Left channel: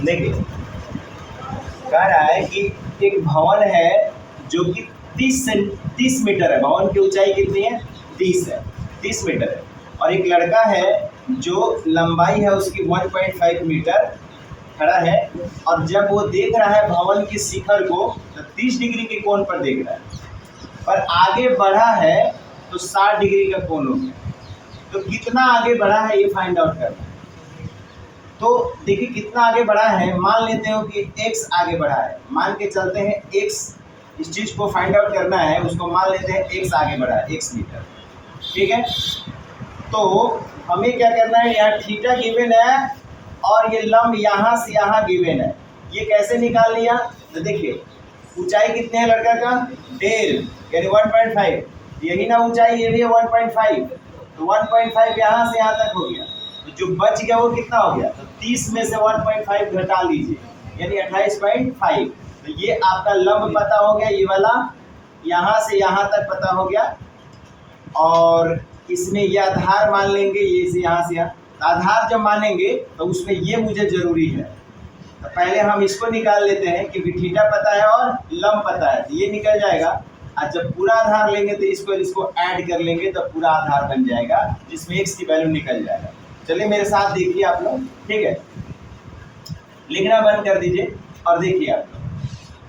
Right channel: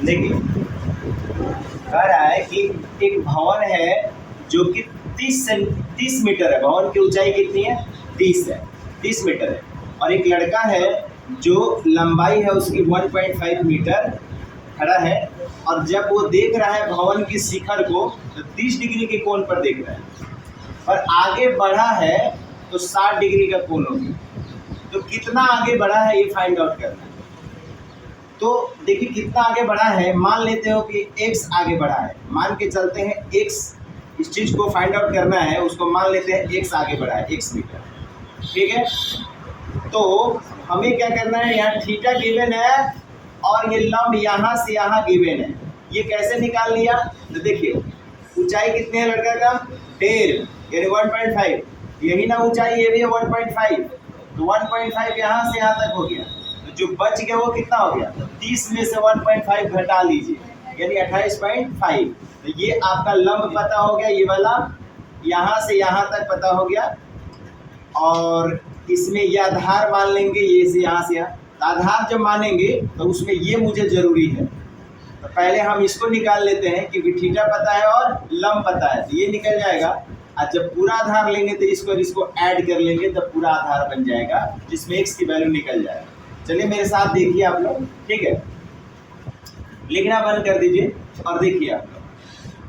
देखिए कह रहा है कि एक भवन है जो कि 30 मीटर है। भवन की ऊंचाई कितनी है? 30 मीटर है। और एक लड़का है जो लंबाई है उसकी 1.5 मीटर खड़ा है, और जब वो देख रहा है भवन की शिखर को तो 30 डिग्री के कोण पर देख रहा है, पर आगे बढ़ा है तो 60 डिग्री का कोण हो गया। तो कितना आगे बढ़ा है ये फाइंड आउट करना है। तो देखिए कितना आगे बढ़ा है, मान लेते हो कि x आगे बढ़ा है, मान के चलते हैं x, इस चीज को फाइंड आउट करना है, उसको मान लेते हैं x आगे बढ़ा है x मीटर, ठीक है। तो हमें क्या करना है, यहाँ थीटा गिवन है और ये लंब यहाँ से यहाँ गिवन है, ये कैसे निकाल लिया? तो देखिए ऊंचाई कितने है लड़का का? 1.5 यानी 1.5, यही ना ऊंचाई, ये भी है 1.5, तो 1.5 यहाँ से यहाँ तक हो गया। तो जो बच गया वो कितना हो गया? तो 30 में से 1.5 घटा लीजिए यानी 28.5। तो ये आपका लंब पता हो गया, ये वाला यहाँ से यहाँ तक पता हो गया। और इसमें ये आधार मान लेंगे, ये से यहाँ से यहाँ, तो आधार जब मानेंगे तो उसमें ये मुझे जरूरी है। तो पहले हम इसको निकाल लेते हैं कि थीटा पता है और लंब पता है, तो ये निकल जाएगा। और जब पूरा आधार लेंगे तो इसको ऐड कर लेंगे तो पूरा आधार बन जाएगा, जिसमें x की वैल्यू निकल जाएगा। चलिए मेरे साथ देखिए आप लोग, ठीक है, लिखना बंद कर दीजिए और देखिए आप लोग।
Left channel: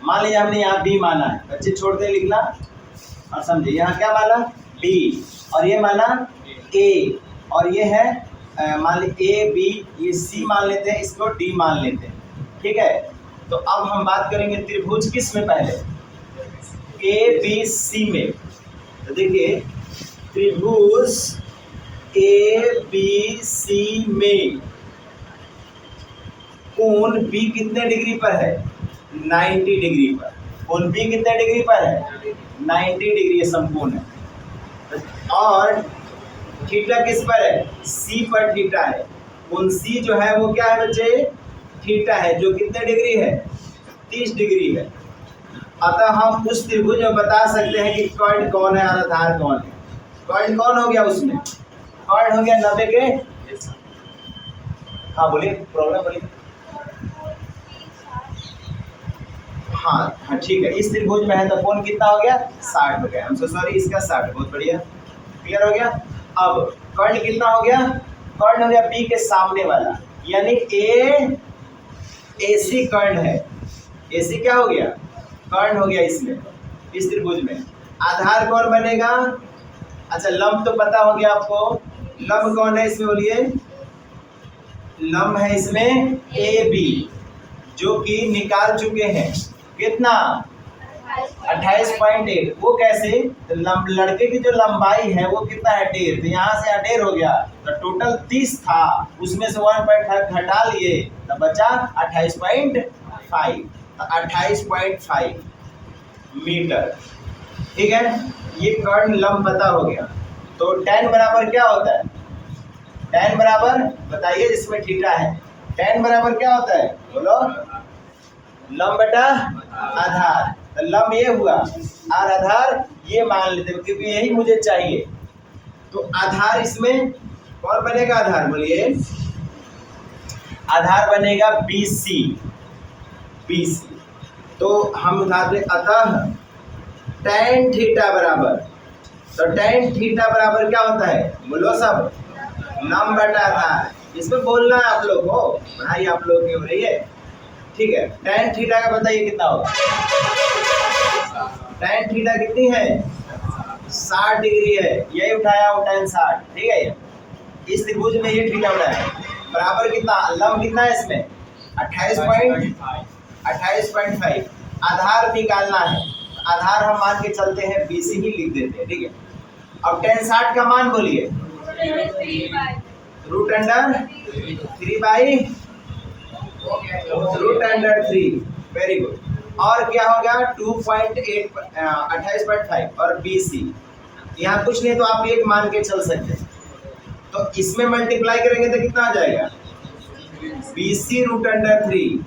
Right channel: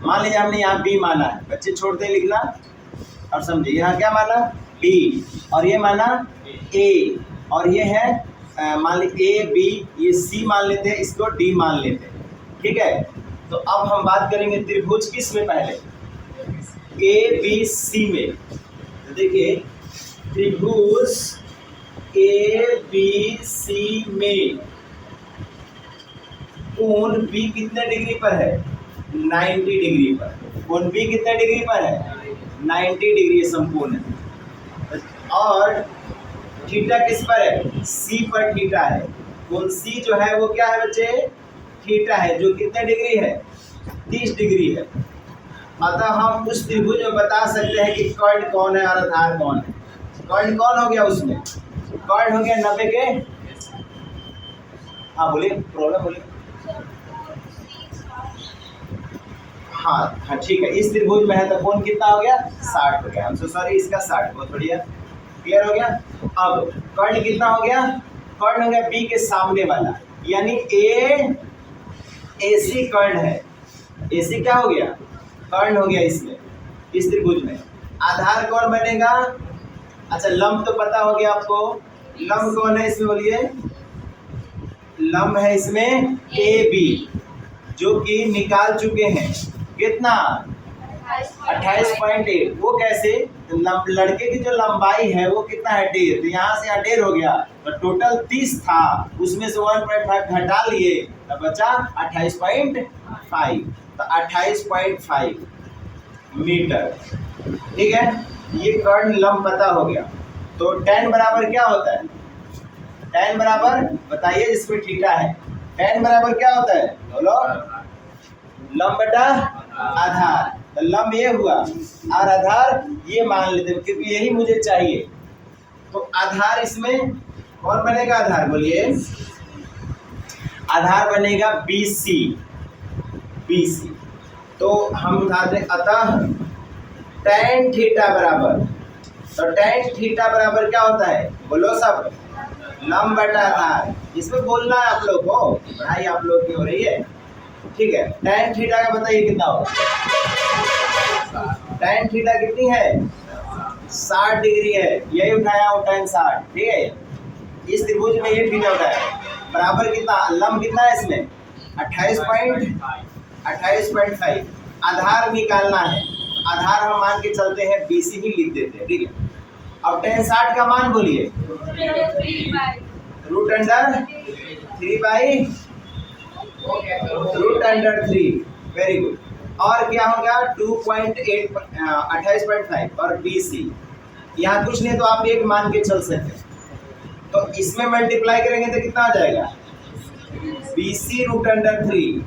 मान लीजिए हमने यहाँ b माना है, बच्चे छोड़ दे लिखना और समझिए। यहाँ क्या माना? b, और ये माना a, और ये है मान लीजिए a b, ये c मान लेते हैं, इसको d मान लेते हैं, ठीक है। तो अब हम बात करेंगे त्रिभुज किस में? पहले a b c में। तो देखिए त्रिभुज a b c में कोण b कितने डिग्री पर है? 90 डिग्री पर। कोण b कितने डिग्री पर है? 90 डिग्री संपूर्ण है। और थीटा किस पर है? c पर थीटा है। कोण c जो है वो क्या है बच्चे? थीटा है, जो कितने डिग्री है? 30 डिग्री है। अतः हम उस त्रिभुज में बता सकते हैं कि कर्ण कौन है और आधार कौन है। कर्ण कौन हो गया उसमें? कर्ण हो गया 90 के, हाँ बोलिए, प्रॉब्लम बोलिए। हाँ ठीक है, इस त्रिभुज में है तो कोण कितना हो गया? 60 हो गया। हम सॉरी, इसका 60, बहुत बढ़िया, क्लियर हो गया। अब कर्ण कितना हो गया? कर्ण हो गया बी के सामने वाला, यानी AC कर्ण है। AC क्या हो गया? कर्ण हो गया इसमें, इस त्रिभुज में। आधार कौन बनेगा? अच्छा लंब तो पता हो गया आपको, लंब कौन है इसमें बोलिए? लंब है इसमें AB, जो कि निकाल चुके हैं, कितना? 28.8। वो कैसे? तो लड़के की जो लंबाई है वो कितना है? 1.5, तो यहाँ से 1.5 हो गया, तो टोटल 30 था, उसमें से 1.5 घटा लिए तो बचा 28.5, तो 28.5 मीटर, ठीक है। ये कर्ण लंब पता हो गया। तो tan बराबर क्या होता है? tan बराबर बताइए, इसमें थीटा है, tan बराबर क्या होता है बोलो? लंब बटा आधार। तो लंब ये हुआ और आधार ये मान लेते हैं, क्योंकि यही मुझे चाहिए। तो आधार इसमें कौन बनेगा? आधार बोलिए, आधार बनेगा BC। तो हम उठाते अतः tan थीटा बराबर, तो tan थीटा बराबर क्या होता है बोलो सब? लंब बटा आधार। इसमें बोलना है आप लोग को, पढ़ाई आप लोग की हो रही है, ठीक है। tan थीटा का बताइए कितना होगा? tan थीटा कितनी है? 60 डिग्री है, यही उठाया हूँ tan 60, ठीक है। इस त्रिभुज में ये थीटा उठाया, बराबर कितना? लंब कितना है इसमें? 28.5। आधार निकालना है, आधार हम मान के चलते हैं BC ही लिख देते हैं, ठीक है। अब tan 60 का मान बोलिए, √3/√3, वेरी गुड। और क्या होगा? 28.5 और BC, यहाँ कुछ नहीं तो आप एक मान के चल सकते हैं। तो इसमें मल्टीप्लाई करेंगे तो कितना आ जाएगा? BC √3,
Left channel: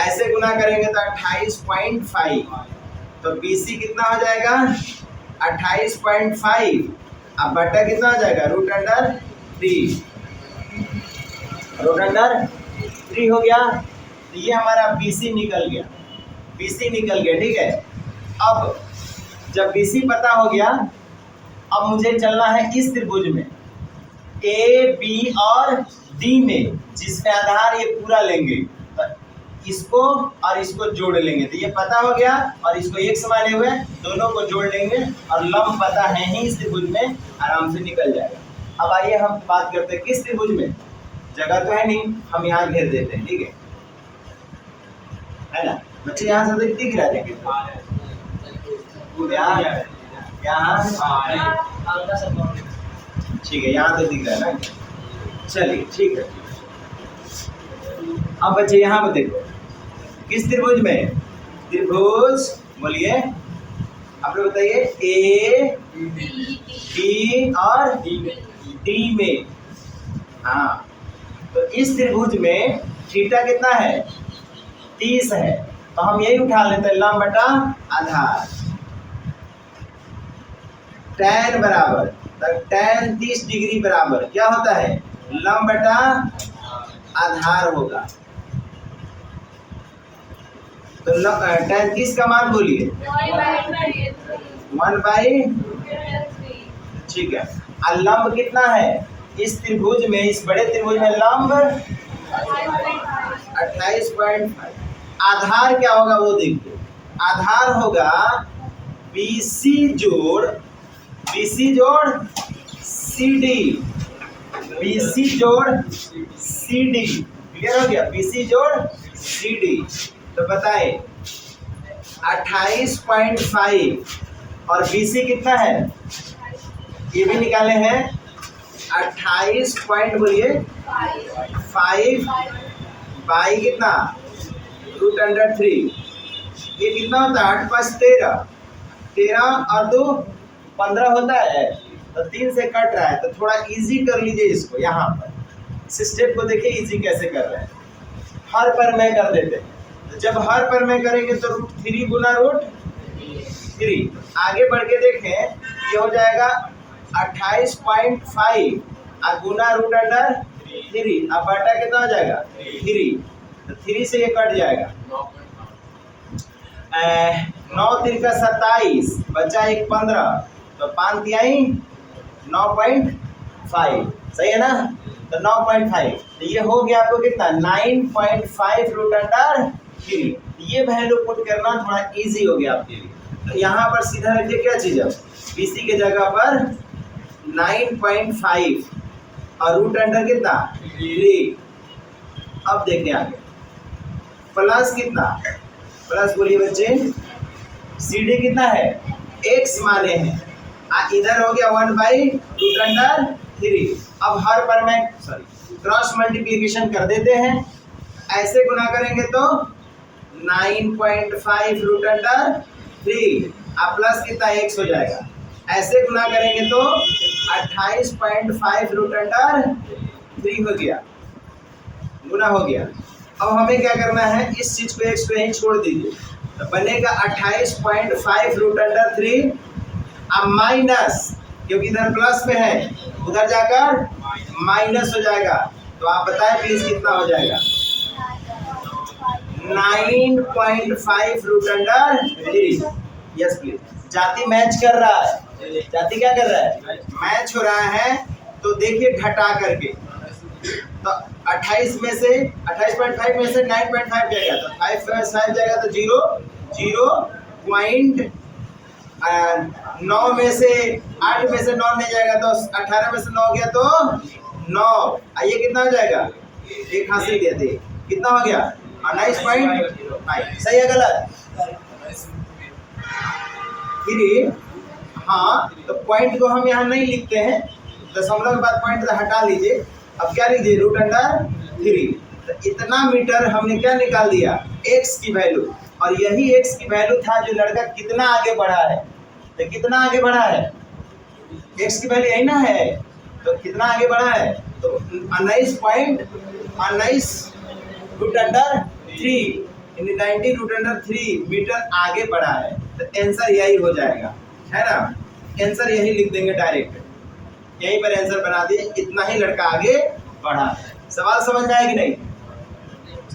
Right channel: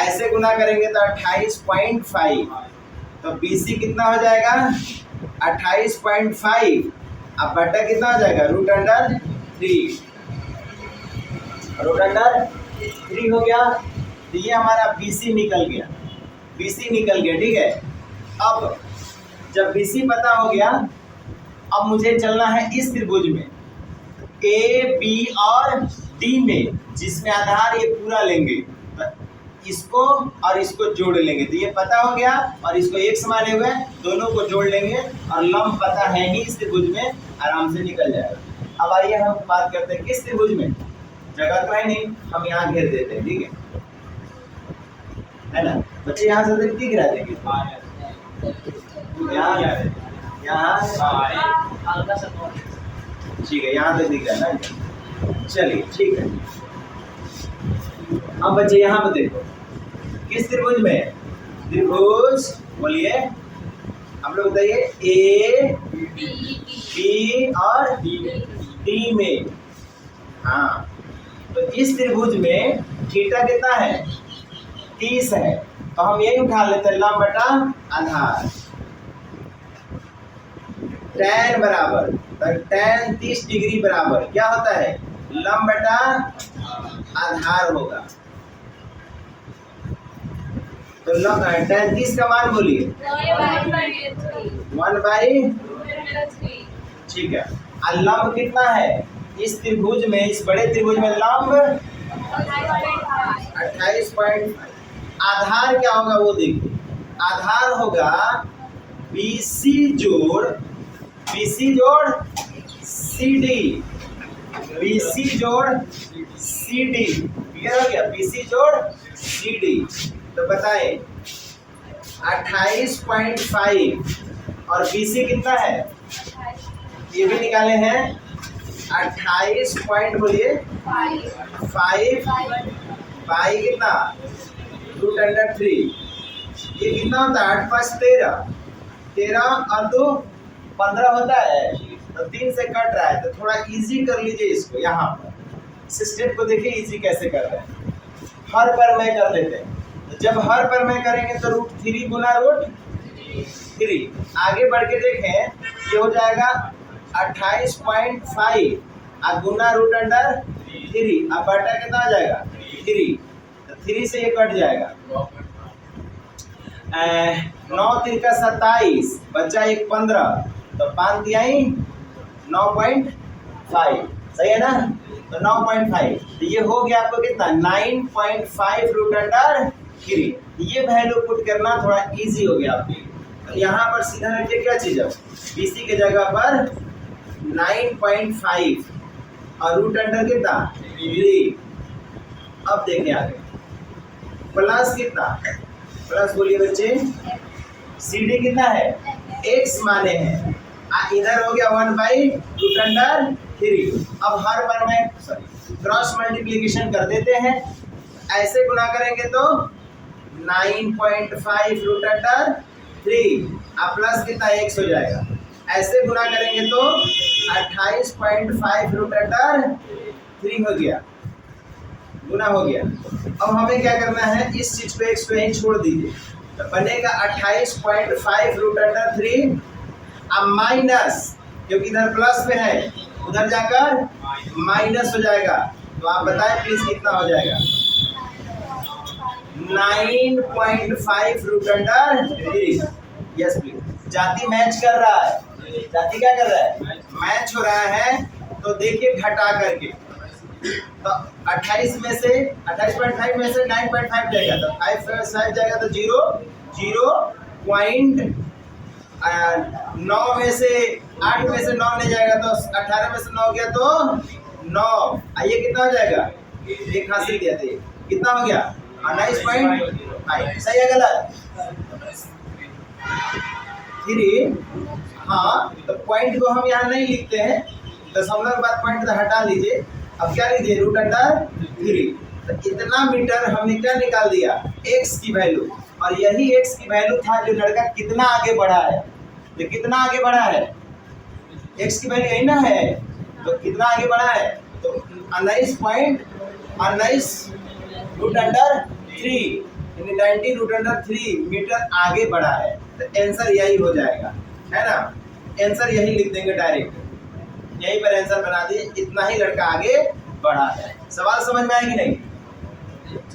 ऐसे गुना करेंगे तो 28.5, तो BC कितना हो जाएगा? 28.5, अब बटा कितना हो जाएगा? √3 हो गया। तो ये हमारा BC निकल गया, BC निकल गया, ठीक है। अब जब BC पता हो गया, अब मुझे चलना है इस त्रिभुज में A, B और D में, जिसमें आधार ये पूरा लेंगे, तो इसको और इसको जोड़ लेंगे। तो ये पता हो गया और इसको x माने हुए दोनों को जोड़ लेंगे और लंब पता है ही इस त्रिभुज में, आराम से निकल जाएगा। अब आइए हम बात करते हैं किस त्रिभुज में, जगह तो है नहीं, हम यहाँ घेर देते हैं, ठीक है ना बच्चे। यहाँ से दिख रहा है यहाँ, ठीक है, यहाँ तक दिख रहा है ना, चलिए ठीक है। अब बच्चे यहाँ पर देखो किस त्रिभुज में, त्रिभुज बोलिए आप लोग बताइए, A, B और D में। हाँ, तो इस त्रिभुज में थीटा कितना है, 30 है, तो हम यही उठा लेते हैं लंब बटा आधार। tan बराबर, तो tan 30 डिग्री बराबर क्या होता है, लंब बटा आधार होगा। तो tan 30 का मान बोलिए 1/3, ठीक है। और लंब कितना है इस त्रिभुज में, इस बड़े त्रिभुज में लंब 28.5। आधार क्या होगा वो देखिए, आधार होगा BC जोड़ CD, BC जोड़ CD, क्लियर हो गया, BC जोड़ CD। तो बताए 28.5 और BC कितना है, ये भी निकाले हैं 28 पॉइंट बोलिए 5 बाई कितना √3, ये कितना होता है 8 5 13, 13 और 2 15 होता है, तो 3 से कट रहा है, तो थोड़ा इजी कर लीजिए इसको। यहाँ पर इस स्टेप को देखिए इजी कैसे कर रहे हैं, हर पर मैं कर देते हैं। तो जब हर पर मैं करेंगे तो √3 गुना √3, आगे बढ़ के देखें ये हो जाएगा 28.5 और गुना √3, अब बटा कितना हो जाएगा 3, तो 3 से ये कट जाएगा, 9 3 का 27, बचा 1 15, तो 5 तिहाई 9.5, सही है ना, तो 9.5, तो ये हो गया आपको कितना 9.5 √3। ये वैल्यू पुट करना थोड़ा इजी हो गया आपके लिए। तो यहाँ पर सीधा रखिए क्या चीज है, BC के जगह पर 9.5 और √3 कितना 3। अब देखें आगे प्लस कितना, प्लस बोलिए बच्चे CD कितना है, x माने हैं, इधर हो गया 1/√3। अब हर पर मैं क्रॉस मल्टीप्लिकेशन कर देते हैं, ऐसे गुना करेंगे तो 9.5 √3 प्लस कितना x हो जाएगा, ऐसे गुना करेंगे तो 28.5 √3 हो गया, गुना हो गया। अब हमें क्या करना है, इस चीज को x को यहीं छोड़ दीजिए, तो बनेगा 28.5 √3 अब माइनस, क्योंकि इधर प्लस में है उधर जाकर माइनस हो जाएगा, तो आप बताएं प्लीज कितना हो जाएगा 9.5 √3। यस प्लीज, जाति मैच कर रहा है, जाति क्या कर रहा है, मैच हो रहा है। तो देखिए घटा करके, तो 28 में से 28.5 में से 9.5 जाएगा, तो 5 जाएगा, तो 0.9 में से 8 में से 9 नहीं जाएगा, तो 18 में से 9 गया तो 9, आइए कितना हो जाएगा, एक हासिल दिया थे, कितना हो गया 19.5, सही है गलत 3। हाँ, तो पॉइंट को हम यहाँ नहीं लिखते हैं, दशमलव के बाद पॉइंट तो हटा लीजिए, अब क्या लीजिए √3। तो इतना मीटर हमने क्या निकाल दिया, x की वैल्यू, और यही x की वैल्यू था जो लड़का कितना आगे बढ़ा है, तो कितना आगे बढ़ा है, x की वैल्यू यही ना है, तो कितना आगे बढ़ा है, तो 19.19 √3 90 √3 मीटर आगे बढ़ा है, तो आंसर यही हो जाएगा, है ना, आंसर यही लिख देंगे डायरेक्ट, यहीं पर आंसर बना दिए, इतना ही लड़का आगे बढ़ा है। सवाल समझ में आया कि नहीं,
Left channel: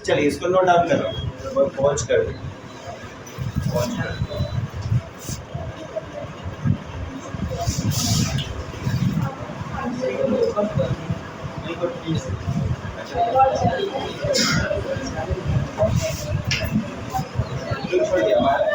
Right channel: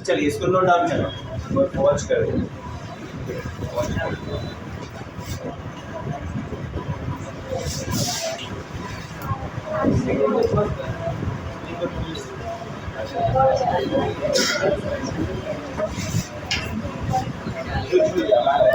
चलिए इसको नोट डाउन करो, मैं पॉज कर दूँ। छोड़ दिया हमारा